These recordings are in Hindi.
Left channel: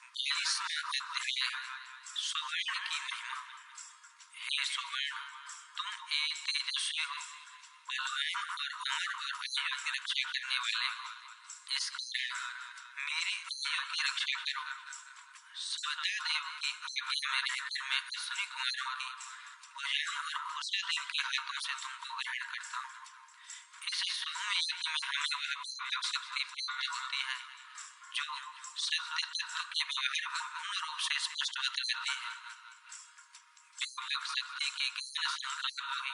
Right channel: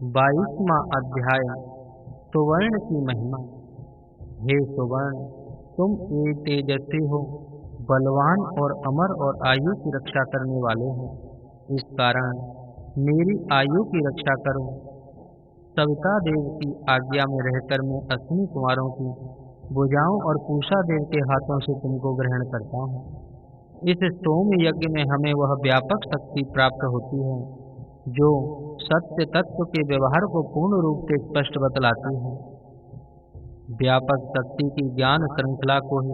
22वां अध्याय सुवर्ण की महिमा। हे सुवर्ण, तुम तेजस्वी हो, बलवान और अमर और आयु की रक्षा करने वाले हो। इस कारण मेरी आयु की रक्षा करो। सविता देव की आज्ञा में रहकर मैं अश्विनी कुमारों की भुजाओं और पूषा देव के हाथों से तुमको ग्रहण करता हूँ। इस सोम यज्ञ में हमें वह व्यापक शक्ति प्राप्त होती है जो सत्य तत्व के व्यवहार को पूर्ण रूप से स्पष्ट बतलाती है। व्यापक शक्ति की ज्ञान श्रृंखला को ही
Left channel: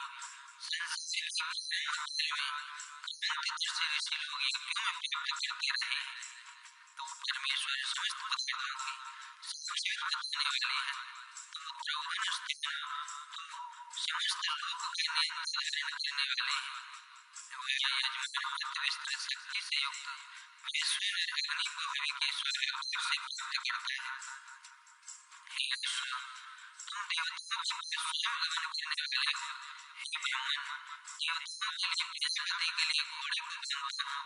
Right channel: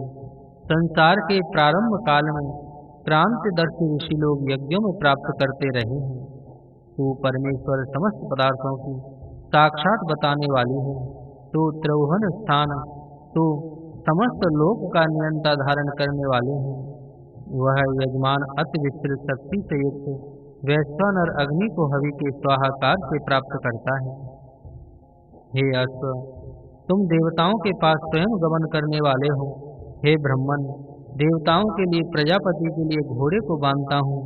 संसार के प्रारंभ काल में क्रांतिदर्शी ऋषि लोग यज्ञों में प्राप्त करते रहे हैं। तू परमेश्वर समस्त पदार्थों की साक्षात बताने वाली है। तू त्रिभुवन स्थान, तू समस्त लोक का नियंता धारण करने वाले हैं। वह यजमान अति विस्तृत शक्ति से युक्त वैश्वानर अग्नि को हवि के स्वाहाकार से प्राप्त करता है। हे अश्व, तुम देवताओं के पास स्वयं गमन करने वाले हो। हे ब्रह्मन, देवताओं के लिए प्रजापति के लिए घोड़े को बांधता हूँ,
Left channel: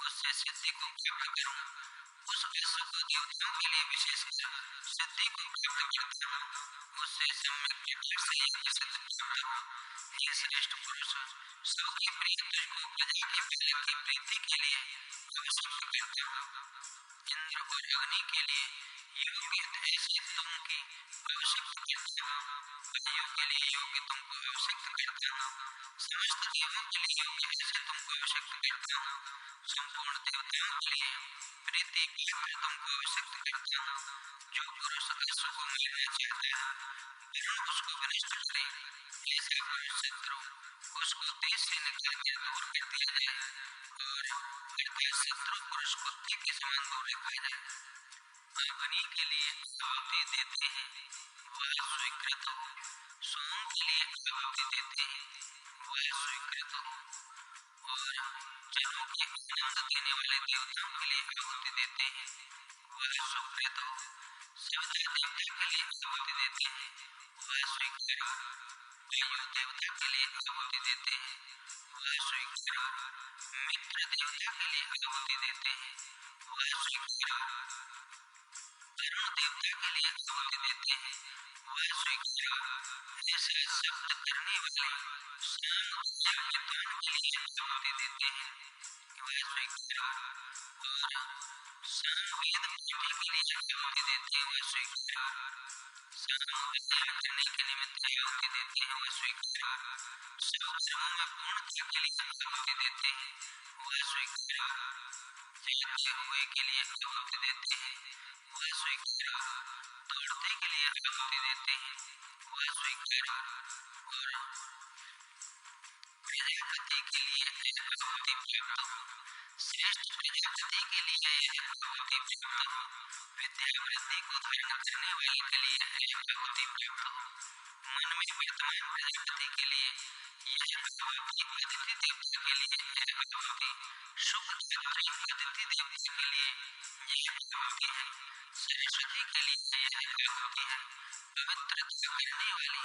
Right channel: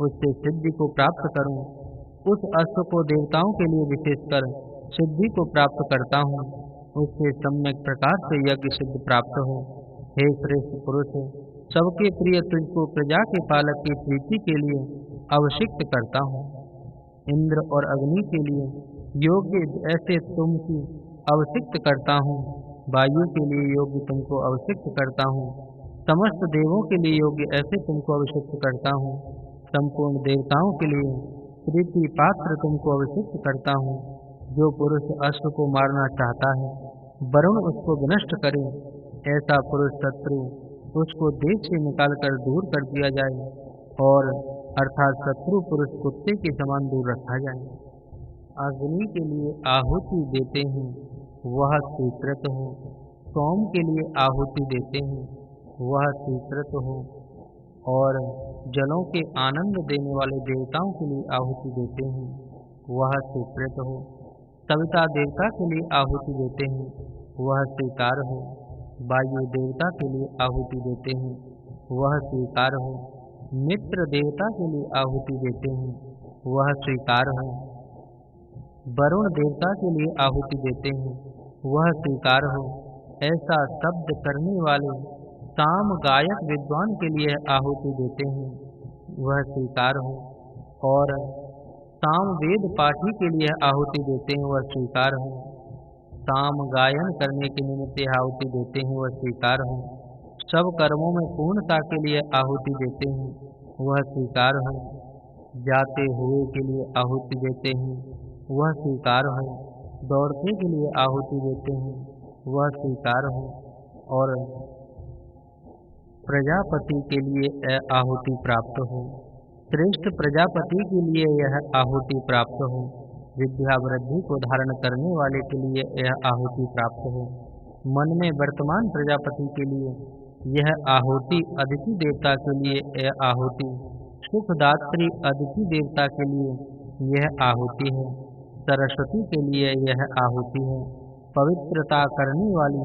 उससे सिद्धि को प्राप्त करूँ। उस अश्व को देवताओं के लिए विशेषकर सिद्धि को प्राप्त करता हूँ, उससे सम्यक प्रकार से यज्ञ सिद्ध प्राप्त हो। हे श्रेष्ठ पुरुष, सबके प्रिय तुझको प्रजा के पालक की प्रीति के लिए अभिषिक्त करता हूँ। इंद्र और अग्नि के लिए योग्य ऐसे तुम की अभिषिक्त करता हूँ। वायु के लिए योग्य तुमको अभिषिक्त करता हूँ। समस्त देवों के लिए योग्य ऐसे तुमको अभिषिक्त करता हूँ। संपूर्ण देवताओं के लिए प्रीति पात्र तुमको अभिषिक्त करता हूँ। जो पुरुष अश्व को मारना चाहता है, वरुण उसको विनष्ट करे। ऐसा पुरुष शत्रु उसको देश से निकालकर दूर कर दिया जाए, और अर्थात शत्रु पुरुष कुत्ते के समान दूर रखा जाए। अग्नि के लिए आहुति देते हैं, वह स्वीकृत हो। सोम के लिए आहुति देते हैं, वह स्वीकृत हो। और जलों के आनंद देने वाले देवताओं के लिए आहुति देते हैं, वह स्वीकृत हो। सविता देवता के लिए आहुति देते हैं, वह स्वीकार हो। वायु देवता के लिए आहुति देते हैं, वह स्वीकार हो। मित्र देवता के लिए आहुति देते हैं, वह स्वीकार हो। वरुण देवता के लिए आहुति देते हैं, वह स्वीकार हो। ऐसा शब्द करने वाले साम गायक विद्वान के लिए आहुति देते हैं, वह स्वीकार हो। और साम वेद पाठी के लिए आहुति देते हैं, वह स्वीकार हो। साम गायन करने के निमित्त आहुति देते हैं, वह स्वीकार हो। सब कर्मों में पूर्णता के लिए आहुति देते हैं, वह स्वीकार हो। जाते हुए के लिए आहुति देते हैं, वह स्वीकार हो। दौड़ते के लिए आहुति देते हैं, वह स्वीकार हो। और प्रजापति के लिए आहुति प्राप्त हो। श्रेष्ठ प्रजापति के लिए यह आहुति प्राप्त हो। विद्या वृद्धि को धारण करने वाले के लिए यह आहुति प्राप्त हो। मन में वर्तमान प्रजापति के लिए यह आहुति, अदिति देवता के लिए यह आहुति, सुखदात्री अदिति देवता के लिए यह आहुति है। सरस्वती के लिए यह आहुति है। पवित्रता करने वाली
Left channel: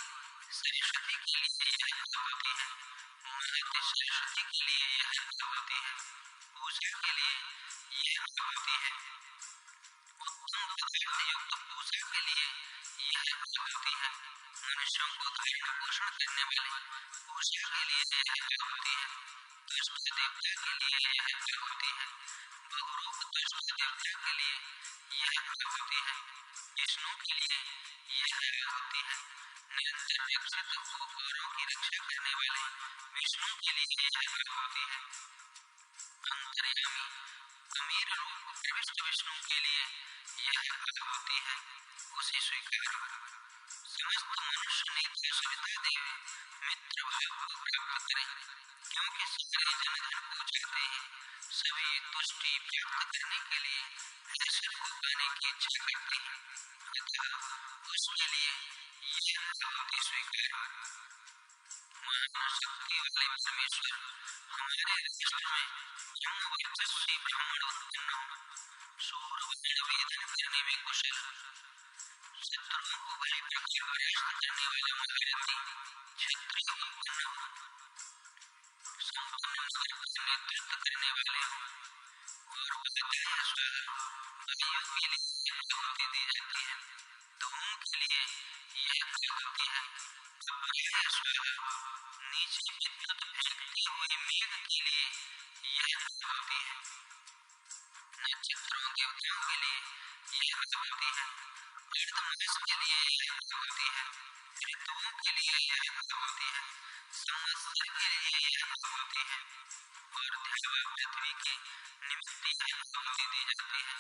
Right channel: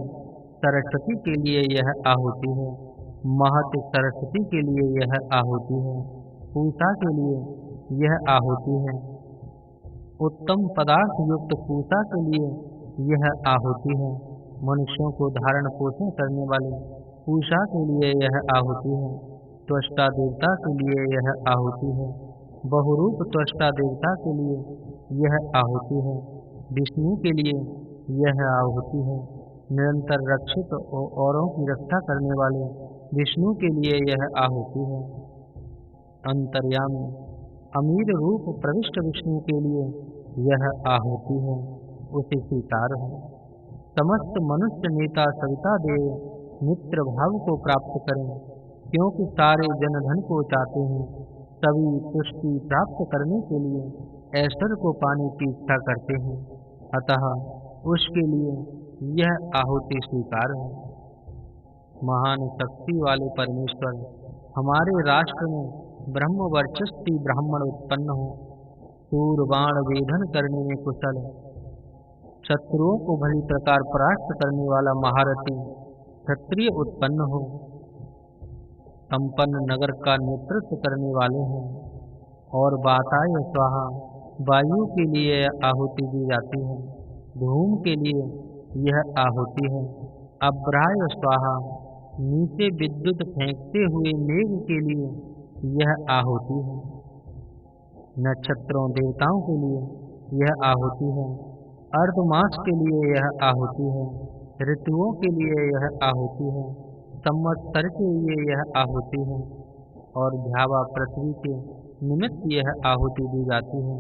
सरस्वती के लिए यह आहुति है। महत सरस्वती के लिए यह आहुति है। पूषा के लिए यह आहुति है। उत्तम पदार्थ युक्त पूषा के लिए यह आहुति है। मनुष्यों को धारण पोषण करने वाले पूषा के लिए यह आहुति है। त्वष्टा देवता के लिए यह आहुति है। बहुरूप त्वष्टा देवता के लिए यह आहुति है। विष्णु के लिए यह आहुति है। निरंतर रक्षित औरों की रक्षा करने वाले विष्णु के लिए यह आहुति है। अंतर्यामी अमीर रूप प्रविष्ट विष्णु के लिए यह आहुति है, उसे स्वीकार हो। समस्त मनुष्य नेता सविता देव मित्र भाव को प्राप्त करें, क्योंकि सारे जन धन को चाहते हैं। सभी तुष्टि प्राप्त करने के लिए ऐश्वर्य को पाने की इच्छा करते हैं, अतः उसके लिए यह आहुति स्वीकार हो। महान शक्ति वाले परमेश्वर, हमारे राष्ट्र में ब्रह्म वर्चस्वी ब्राह्मण उत्पन्न हो। सूर बाण वेधन करने में कुशल, शत्रुओं को भली प्रकार परास्त करने वाला महारथी क्षत्रिय उत्पन्न हो। संपन्न नगर का नेतृत्व करने वाले हों और वाताय स्वाहा वायु के लिए यह आहुति दी जाती है। धूम के लिए यह आहुति है। अब्राय स्वाहा, नीचे विद्युत फेंकते हुए मेघ के लिए यह आहुति है। नक्षत्रों देवताओं के लिए यह आहुति है। अर्धमास के लिए यह आहुति है। ऋतुओं के लिए यह आहुति है। संवत्सर के लिए यह आहुति है। और ध्यावा पृथ्वी के निमित्त यह आहुति दी जाती है।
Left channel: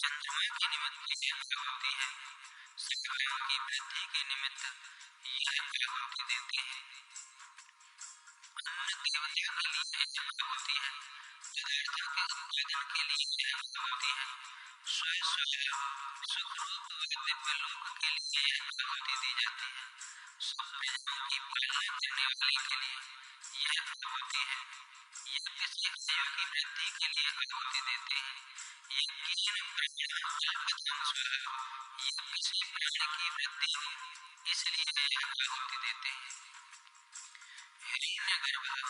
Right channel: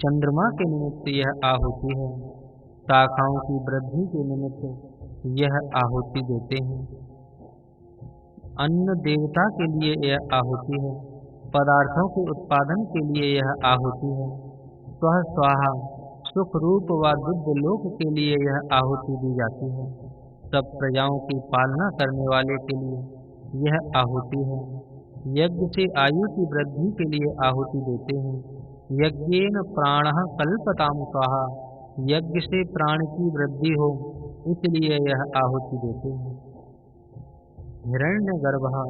चंद्रमा के निमित्त यह आहुति है। शाखाओं की वृद्धि के निमित्त यह आहुति देते हैं। अन्न देवता के लिए यह आहुति है। पदार्थों के उत्पादन के लिए यह आहुति है। स्व स्वाहा, सुख रूप व दिव्य लोक के लिए यह आहुति दी जाती है। सब प्रजाओं की पालना करने वाले के लिए यह आहुति है। यज्ञ से आयु की वृद्धि के लिए आहुति देते हैं। यज्ञेन प्राणः कल्पताम स्वाहा, यज्ञ से प्राण की वृद्धि हो इसलिए यह आहुति देते हैं। हिरण्यगर्भः,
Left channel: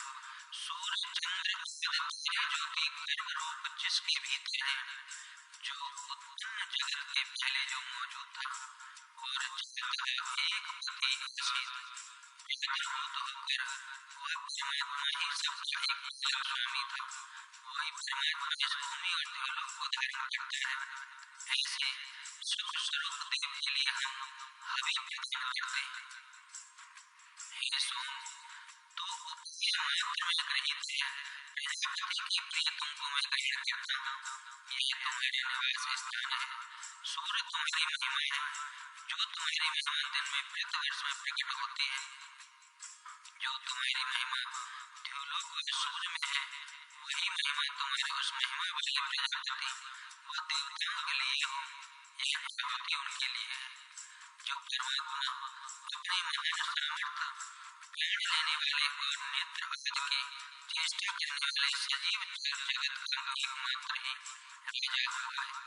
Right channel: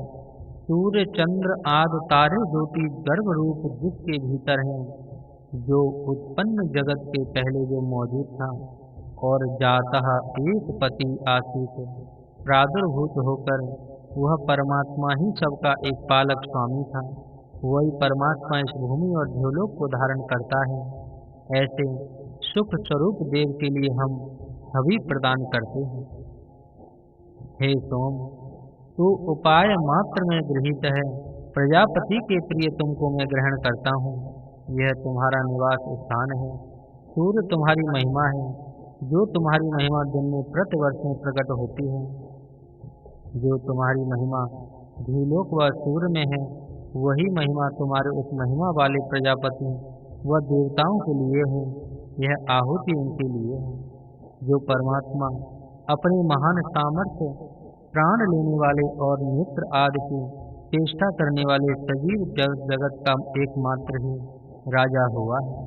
सूर्य चंद्र आदि तारे ज्योति गर्भ रूप जिसके भीतर हैं, जो उत्पन्न जगत के पहले जो मौजूद था और जातः एक पति आसीत, प्रादुर्भूत होकर वह परमात्मा ही सबका एक पालक स्वामी था। वही परमात्मा इस भूमि और ध्योलोक को धारण करता है। ऐसे सुख स्वरूप देव के लिए हम हवि प्रदान करते हैं। हे सोम, तू उपाय मात्र में गृहीत है। प्रजापति के प्रिय तुमको मैं ग्रहण करता हूँ। यह तुम्हारा निवास स्थान है। सूर्य तुम्हारी महिमा है। जो तुम्हारी महिमा दिन में प्रतिवर्ष में प्रकट होती है। जो तुम्हारी महिमा ध्युलोक व सूर्य में है, वही महिमा तुम्हारे उस महिमा वाले प्रजापति व देवताओं के लिए हो। यह आहुति उनके लिए है। जो परमात्मा अपने महान सामर्थ्य, प्राण लेने वाले और नेत्र आदि के चेष्टा करने वाले सजीव जगत का एकमात्र ही राजा हुआ है।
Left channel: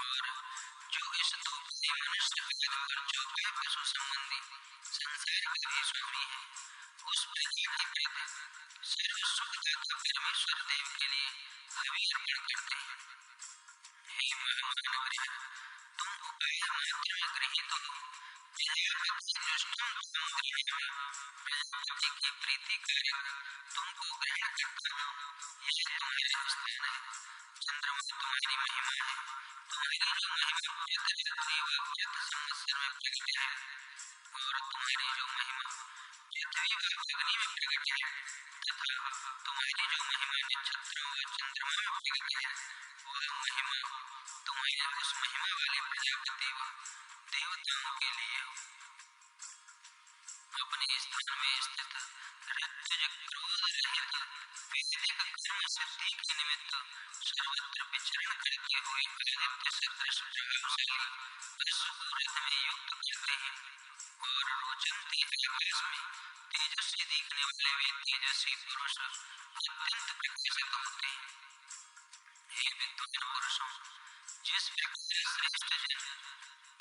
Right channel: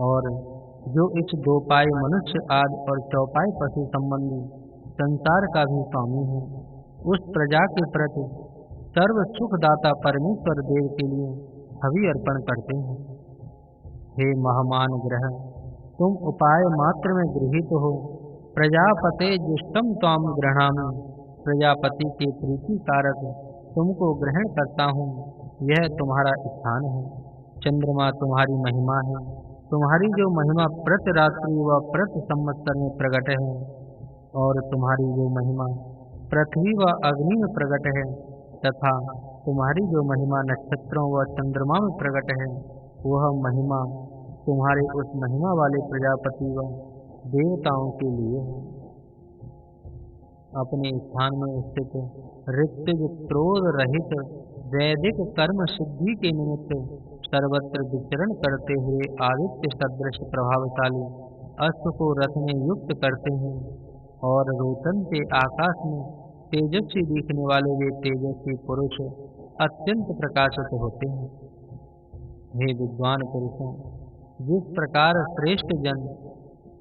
और जो इस दो पाए मनुष्य आदि और चौपाए पशु संबंधी संसार का भी स्वामी है, उस प्रजा के प्रति सर्व सुखदाता परमेश्वर देव के लिए हवि अर्पण करते हैं। हे महामान ग्रह, तुम उपाय मात्र में गृहीत हो। प्रजापते जुष्टम त्वाम गृह्णामि, प्रजापति के प्रीति कारक तुमको ग्रहण करता हूँ। यह तुम्हारा स्थान है। चंद्रमा तुम्हारी महिमा है। तुम्हारी जो महिमा प्रति रात्रि व प्रति संवत्सर में प्रकट है, और तुम्हारी जो महिमा पृथ्वी व अग्नि में प्रकट है, तथा तुम्हारी जो महिमा नक्षत्रों व चंद्रमा में प्रकट है, वह महिमा तुम्हारे उस महिमा वाले प्रजापति व देवताओं के लिए हो। अपने स्थान में स्थित ऋत्विज क्रोध रहित वैदिक कर्म सिद्धि के निमित्त सर्वत्र विचरण करते हुए आदित्य सदृश प्रभावशाली अश्व को रथ में युक्त करते हैं, और रोचनते आकाश में तेजस्वी दिखने वाले वे तेजस्वी पुरुष अत्यंत प्रकाशित होते हैं। हे विद्वान पुरुषों, जिस प्रकार श्रेष्ठ जन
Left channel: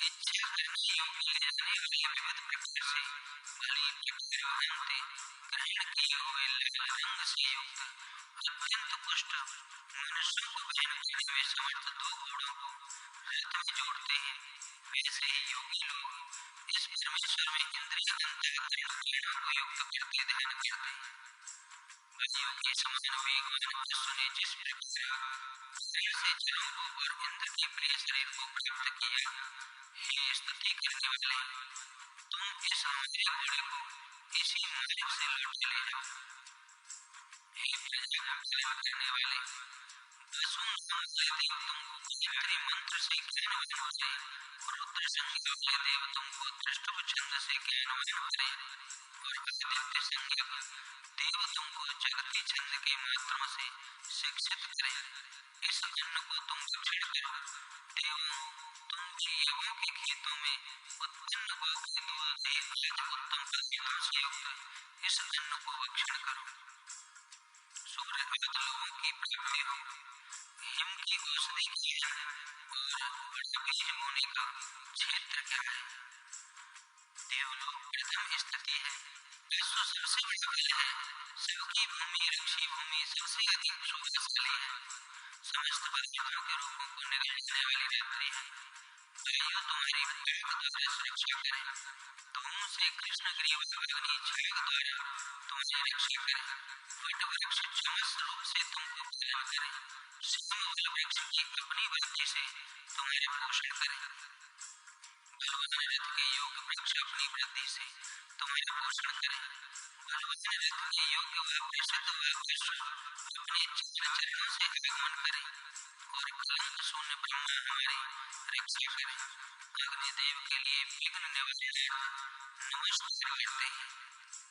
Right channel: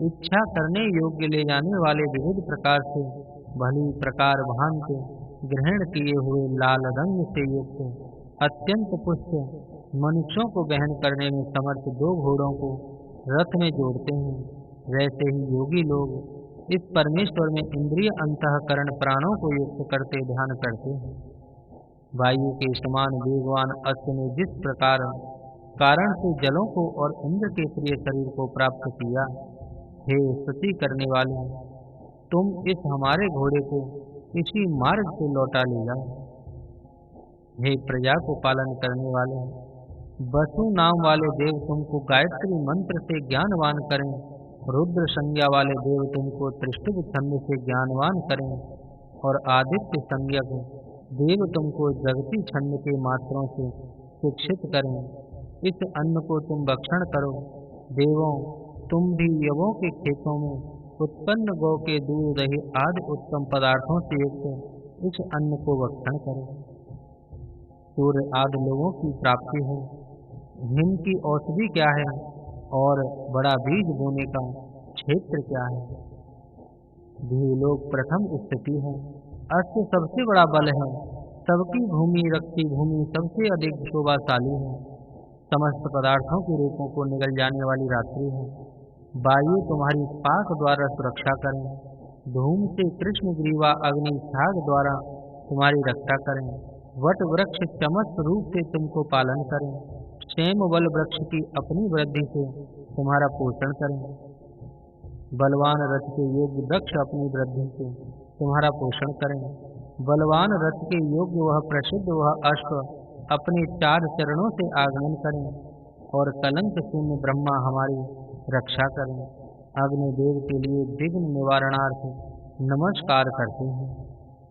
इच्छा करने योग्य ले जाने वाले विविध प्रकार से भली प्रकार भांति ग्रहण किए हुए लाल रंग से युक्त अत्यंत पुष्ट मनुष्यों को वहन करने में समर्थ दो घोड़ों को रथ में जोड़ते हैं, वैसे ही योगी लोग इस परमेश्वर में इंद्रिय अंतःकरण प्राणों को युक्त करते ध्यान करते हैं। वायु के समान वेगवान अश्व ने जिस प्रकार कारण से जलों को और इंद्र के प्रिय शरीर को प्राप्त किया, हे स्तुति करने वाले, तुम इस हमारे घोड़े को इसी मार्ग से लौटा ले जाओ। हे प्रजा को पालन करने वाले, वसु नाम वाले देव तुमको गायत्री मंत्र से ज्ञानवान करें, रुद्र संज्ञा वाले देव तुमको त्रिष्टुभ छंद से ज्ञानवान करें, और आदित्य संज्ञक देव तुमको जगती छंद के मात्रों से शिक्षित करें। इस अन्न को तुम भक्षण करो। देवों, तुम भी यवों के खेतों में उत्पन्न गौ के दूध दही आदि उत्तम पदार्थों से युक्त इस अन्न को भक्षण करो। सूर्य आदि लोगों की प्राप्ति हो। हिम की औषधि क्या है और बड़ा बीज बोने का क्षेत्र क्या है? ध्युलोक प्रथम स्थिति है। अश्व सबसे बड़ा बल है। सबकी भूमि रक्षी भूमि सबसे अधिक शोभाशाली है। समस्त पदार्थों के रूपों को निगल जाने वाली रात्रि है। वायु तुम्हारी पाक द्वारा सुरक्षा करें। धूम से कृष्ण ग्रीवा अग्नि छाग द्वारा तुम्हारी रक्षा करें। वट वृक्ष चमस रूप से तुमको पालन करें। सेम बल वृक्ष की अपनी वृद्धि से तुम्हारा पोषण करें। बलवान रथ के योग्य वृक्ष अपनी वृद्धि से तुम्हारा पोषण करें। बलवान रथ के योग्य वह प्रसिद्ध वह अश्व अपने 4 चरणों से आगमन करें और कलंक शून्य ब्रह्मा हमारी रक्षा करें। अग्निदेव के लिए विघ्न निवारणार्थ नमस्कार करते हैं।